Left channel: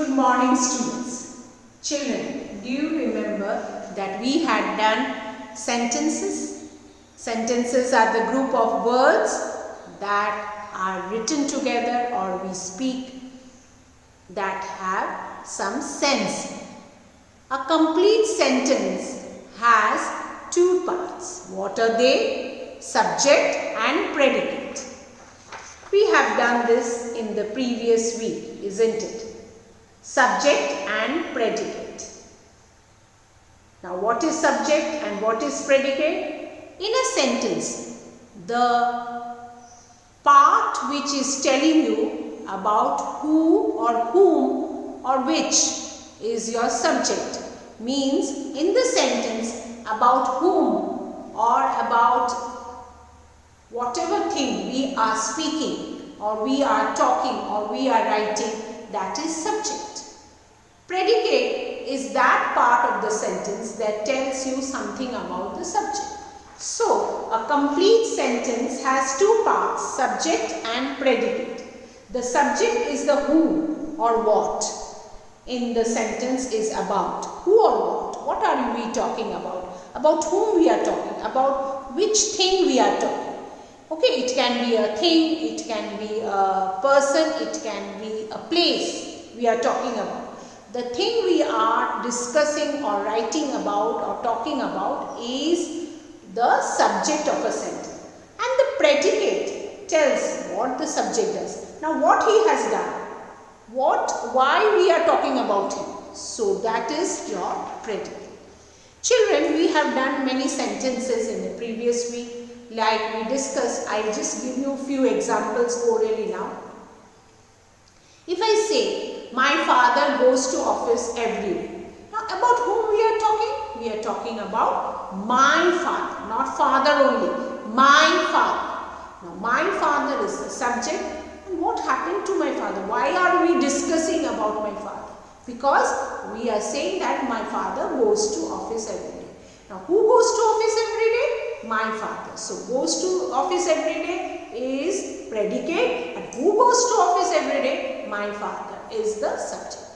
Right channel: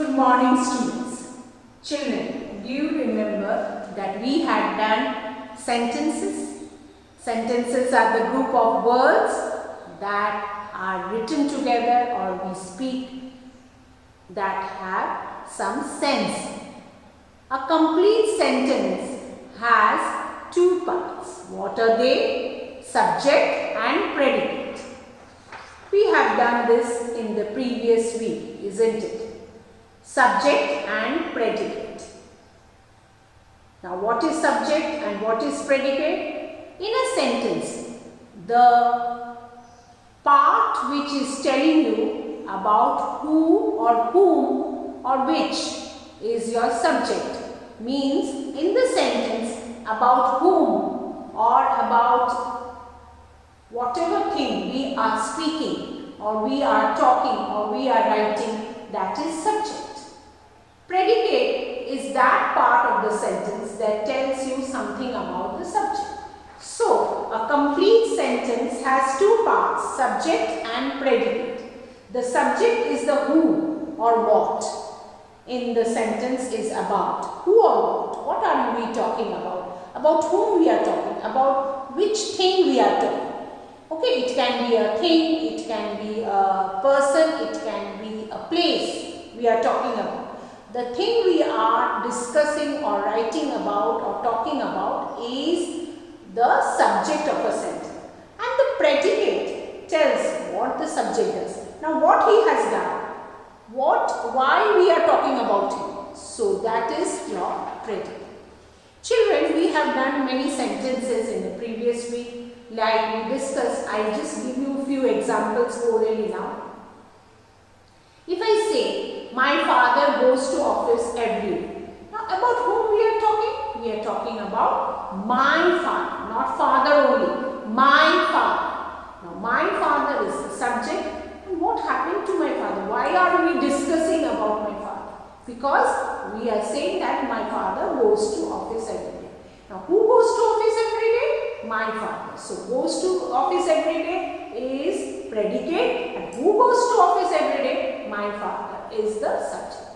Good morning, students. Children, do you remember that we had done sentences? Sentences are the group of words that are written together or we speak that have some sense. A complete sentence has two parts. What are they? Subject and predicate. We have done this in the previous week, isn't it? Subject and predicate. Now, what is subject and what is predicate? In a sentence, the part which is telling you about who or whom or which is your subject means in the sentence about whom or about whatever thing we are speaking or we are talking or we are writing, that is subject. Predicate is that part of the sentence that tells you something about the subject. So, a complete sentence has two parts, subject and predicate. The subject is the who or what in the sentence is about. Who or what? What are we talking about? About whom we are talking? About which thing we are talking? Okay, it can be a thing, it can be a person, it can be a place we are talking about. The thing we are discussing or writing about or talking about is the subject of a sentence. And the predicate tells what the subject does. Now, what he has done, why we are talking about him. So, that is your predicate. Children, we have done many sentences in the previous week. Like we discussed, I'll just give you a few examples orally now. If I say, my father goes to office every day. Now, about whom we are talking? We are talking about my father, not father only, my father. Now, my father is the subject. And what happened to my father? Why are we discussing about my father? Because we are saying that my father goes to office every day. Now, who goes to office every day? My father. So, goes to office every day is predicate, and who goes to office every day? My father is the subject.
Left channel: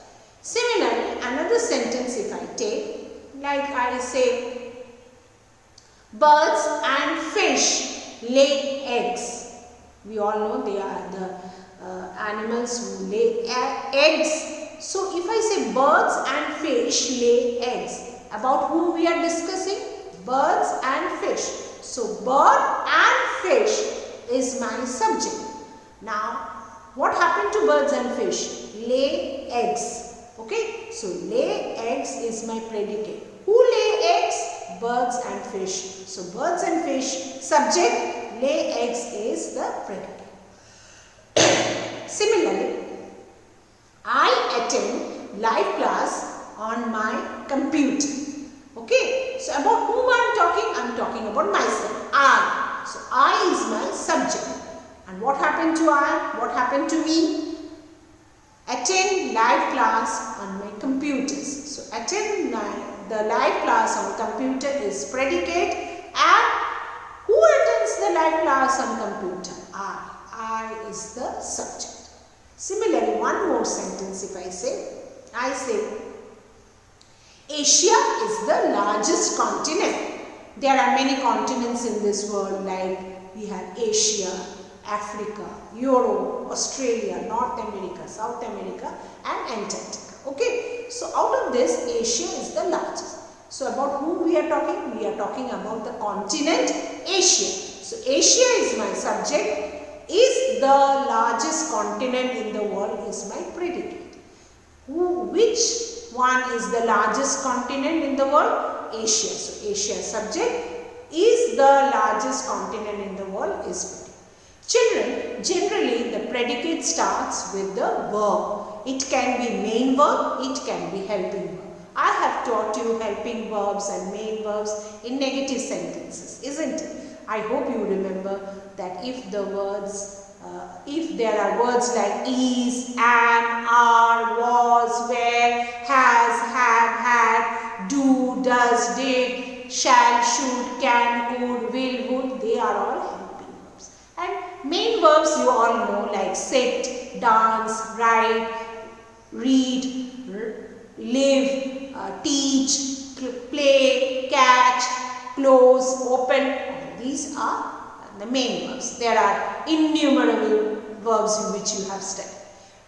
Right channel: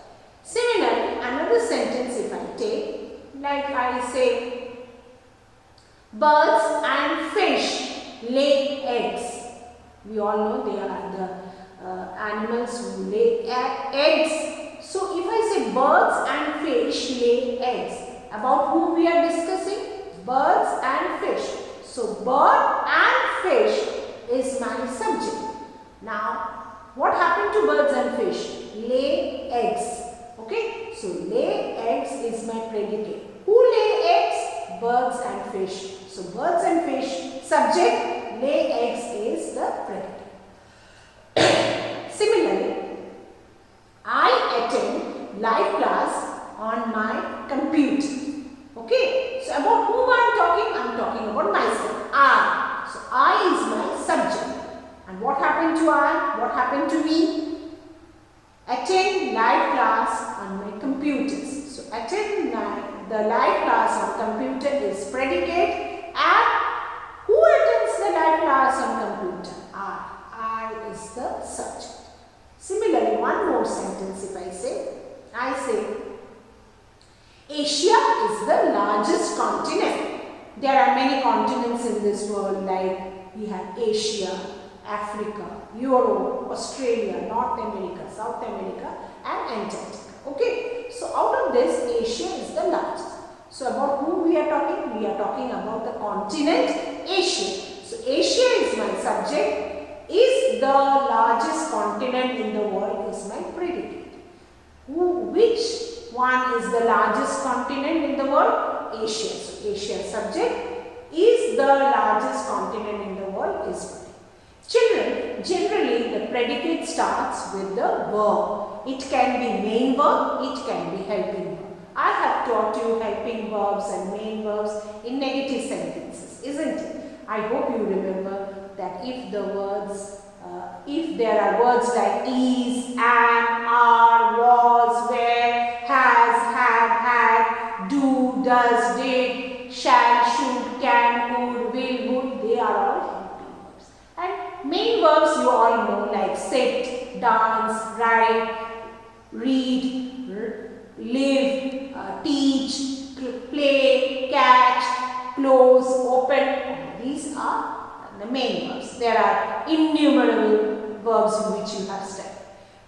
Similarly, another sentence if I take, like I say, birds and fish lay eggs. We all know they are the animals who lay eggs. So, if I say birds and fish lay eggs, about whom we are discussing? Birds and fish. So, bird and fish is my subject. Now, what happened to birds and fish? Lay eggs. Okay. So, lay eggs is my predicate. Who lay eggs? Birds and fish. So, birds and fish subject, lay eggs is the predicate. Similarly, I attend live class on my computer. Okay. So, about whom I am talking? I am talking about myself. I. So, I is my subject. And what happened to I? What happened to me? Attend live class on my computers. So, attend the live class on computer is predicate. And who attends the live class on computer? I. I is the subject. Similarly, one more sentence if I say, Asia is the largest continent. There are many continents in this world, like we have Asia, Africa, Europe, Australia, North America, South America and Antarctica. Okay. So, out of this, Asia is the largest. So, about whom we are talking? We are talking about the continent Asia. So, Asia is my subject, is the largest continent in the world is my predicate. Which one is the largest continent in the world? Asia. So, Asia subject is the largest continent in the world is predicate. Children, generally the predicate starts with the verb. It can be main verb, it can be helping verb. I have taught you helping verbs and main verbs in negative sentences, isn't it? I hope you remember that if the words, if there are words like is, am, are, was, were, has, have, had, do, does, did, shall, should, can, could, will, would, they are all helping verbs. And main verbs you all know like sit, dance, write, read, live, teach, play, catch, close, open. These are the main verbs. There are innumerable verbs which you have studied.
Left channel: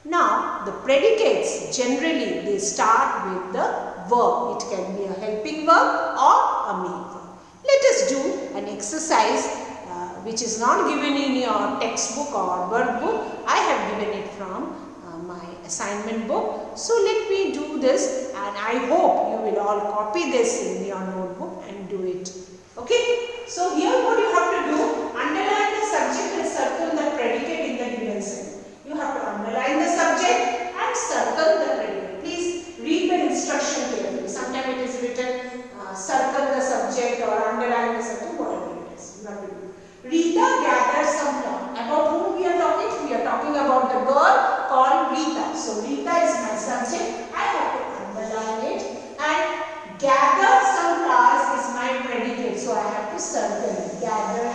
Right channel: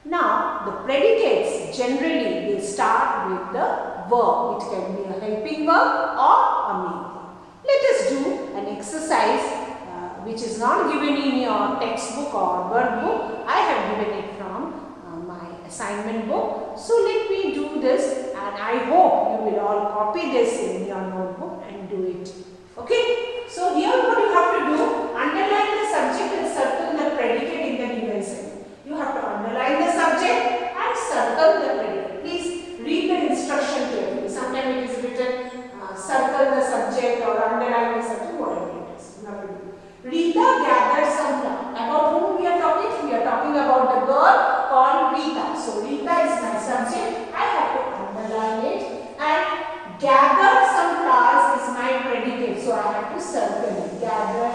Now, the predicates generally they start with the verb. It can be a helping verb or a main verb. Let us do an exercise which is not given in your textbook or word book. I have given it from my assignment book. So let me do this, and I hope you will all copy this in your notebook and do it. Okay? So here what you have to do, underline the subject and circle the predicate in the given sentence. You have to underline the subject and circle the predicate. Please read the instruction carefully. Sometimes it is written circle the subject or underline the subject, whatever it is. You have to do. Rita gathered some flowers. About whom we are talking? We are talking about the girl called Rita. So Rita is my subject. I have to underline it, and gather some flowers is my predicate. So I have to circle it. Gather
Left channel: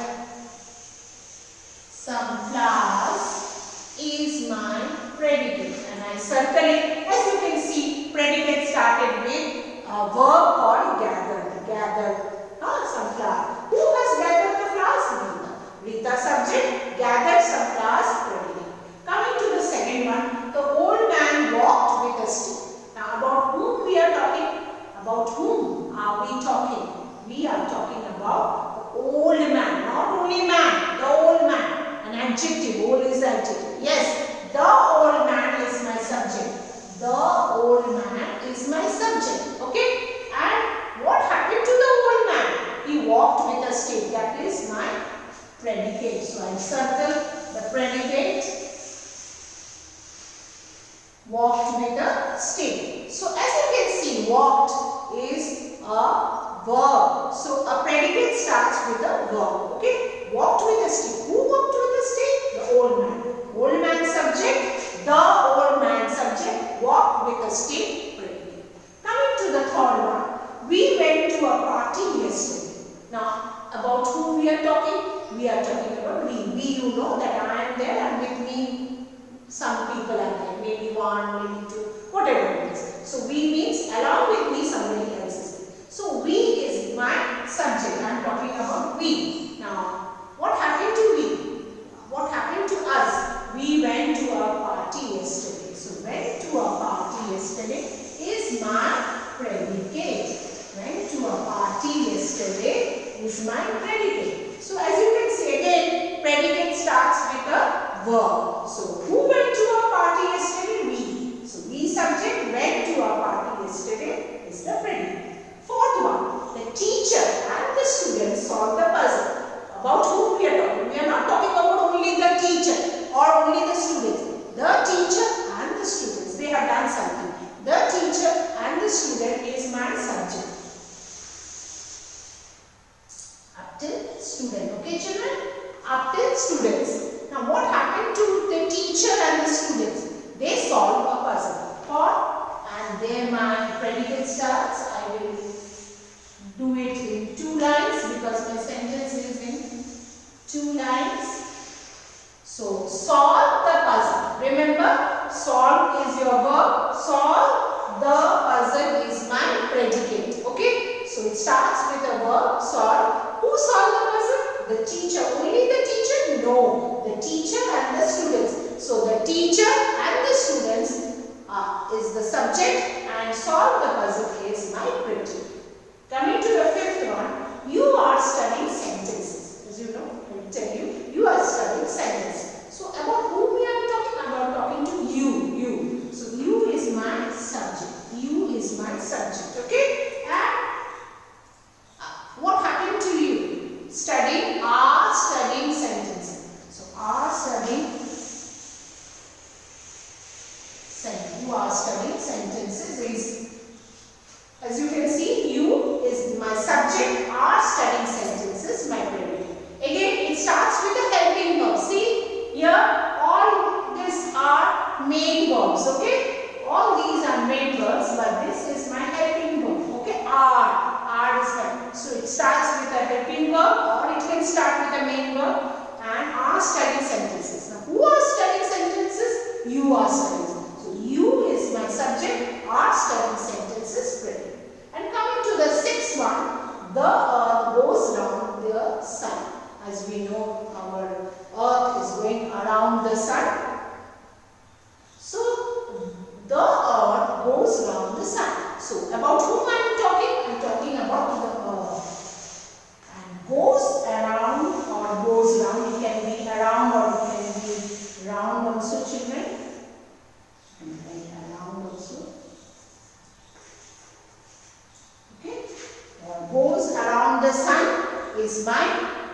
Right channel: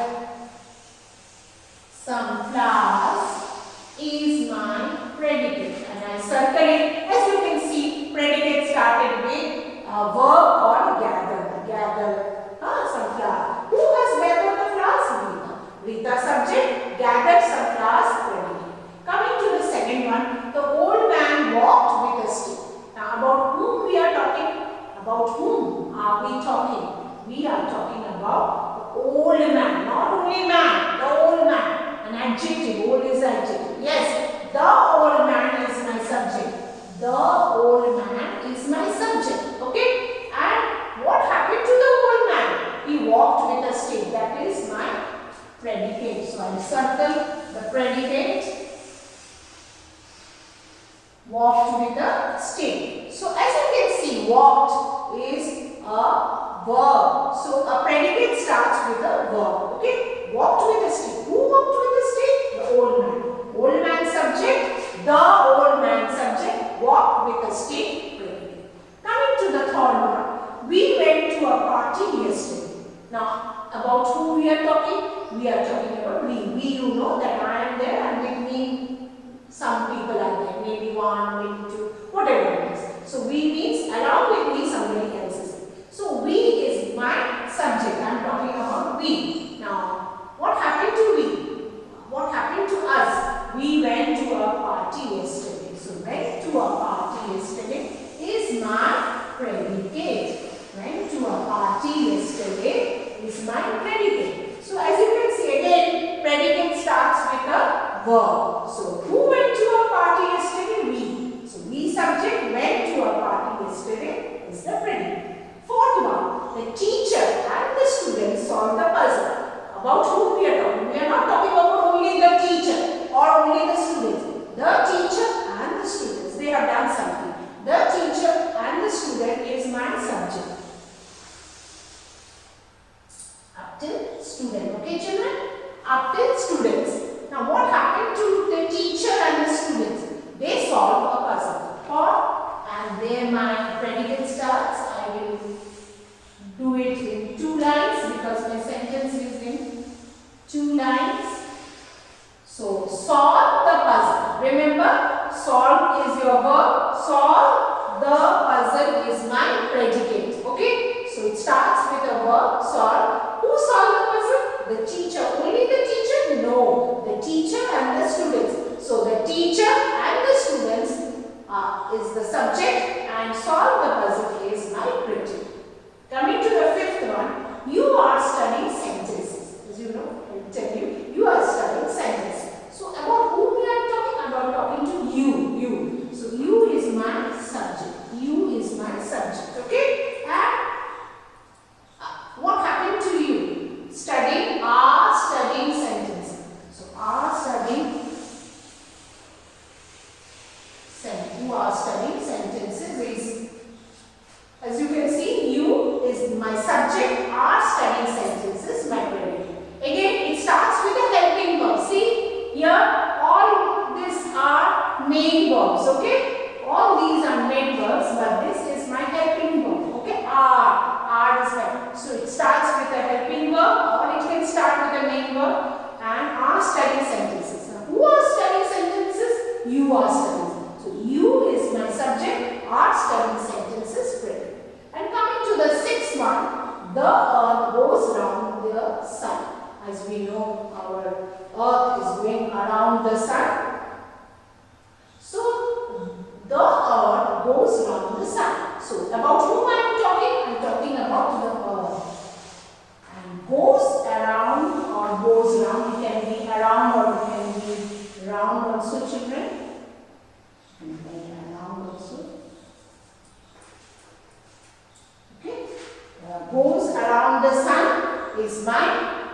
some flowers is my predicate, and I circle it. As you can see, predicate started with a verb called gather. Gather some flowers. Who has gathered the flowers? Rita. Rita subject, gathered some flowers, predicate. Coming to the second one, the old man walked with a stick. Now about whom we are talking? About whom are we talking? We are talking about the old man, not only man, the old man. An adjective, old is adjective. Yes, the old man is my subject. The old man is my subject. Okay? And what happened to the old man? He walked with a stick. That is my predicate. So I circle the predicate. Walked with a stick. So as you can see, walked is a verb. So a predicate starts with a verb. Okay? Walked with a stick. Who walked with a stick? The old man. Old man subject. The old man subject. Walked with a stick. Predicate. Coming to the third one. We went to a party yesterday. Now, about who we are talking? We are talking about we. We, you know that I am there, and with me some people are there. Maybe one, maybe two, whatever it is. So we means along with me somebody else is there. So we is my subject. I am talking about we. Now, what happened to we? What happened to us? We went to a party yesterday. So went to a party yesterday is my predicate. Went to a party yesterday is my predicate. So as you can see again, predicate starts with a verb. So who went to a party yesterday? We. So we subject went to a party yesterday is the predicate. Fourth one, the teacher and the students solved the puzzle. About whom we are talking? We are not talking about only the teacher or only the students. The teacher and the students, they have done something. The teacher and the student is my subject. Up till student. Okay children? Up till students. Now what happened to the teacher and the students? They solved a puzzle. And there my predicate starts. I will do it in 2 lines because my sentence is in 2 lines. So solve the puzzle. Remember, solve is your verb. Solve the puzzle is my predicate. Okay? So it starts with a verb, solve. Who solved the puzzle? The teacher. Only the teacher? No. The teacher and the students. So the teacher and the students is the subject, and solve the puzzle is my predicate. Coming to the fifth one, you are studying sentences. As you know, I will tell you, you are studying sentences. So about whom we are talking? About talking to you. You. So you is my subject. You is my subject. Okay? And what happened to you? Studying, are studying sentences. So are studying sentences. Who are studying sentences is, as you can see, you is my subject, are studying sentences, my predicate. Again, it starts with a helping verb. See, here all these are main verbs, okay? All these are main verbs, but this is my helping verb, okay? Are is help. So it starts with a helping verb, or it can start with a main verb, and are studying sentences. Now, who are studying sentences? You are studying. So you is my subject, are studying sentences, predicate. And coming to the sixth one, the earth goes round the sun. As we know, our earth is going around the sun. So, the earth goes round the sun. So, about whom I am talking? I am talking about the earth. And goes around or goes round. It can be around or it can be round also, children. And around also. Okay. Goes around the sun is my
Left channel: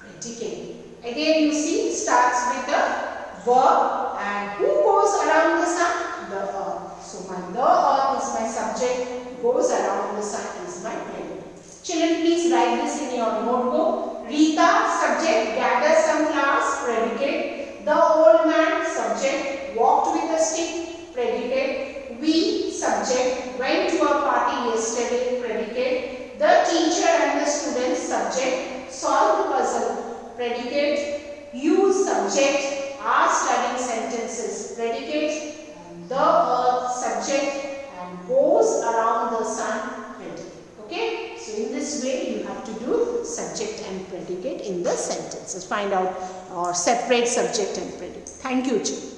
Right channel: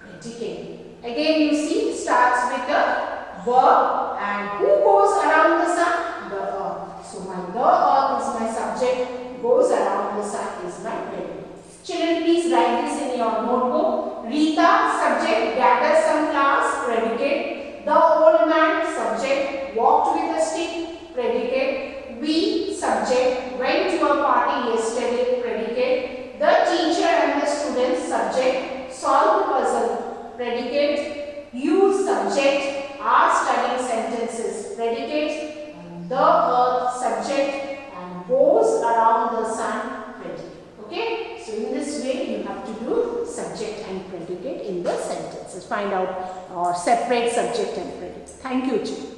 predicate. Again, you see, starts with a verb, and who goes around the sun? The earth. So, the earth is my subject, goes around the sun is my predicate. Children, please write this in your notebook. Rita, subject, gather some flowers, predicate. The old man, subject, walked with a stick, predicate. We, subject, went to a party yesterday, predicate. The teacher and the student, subject, solved the puzzle, predicate. You, subject, are studying sentences, predicate. And the earth, subject, and goes around the sun, predicate. Okay? So, in this way, you have to do subject and predicate in the sentences. Find out or separate subject and predicate. Thank you, children.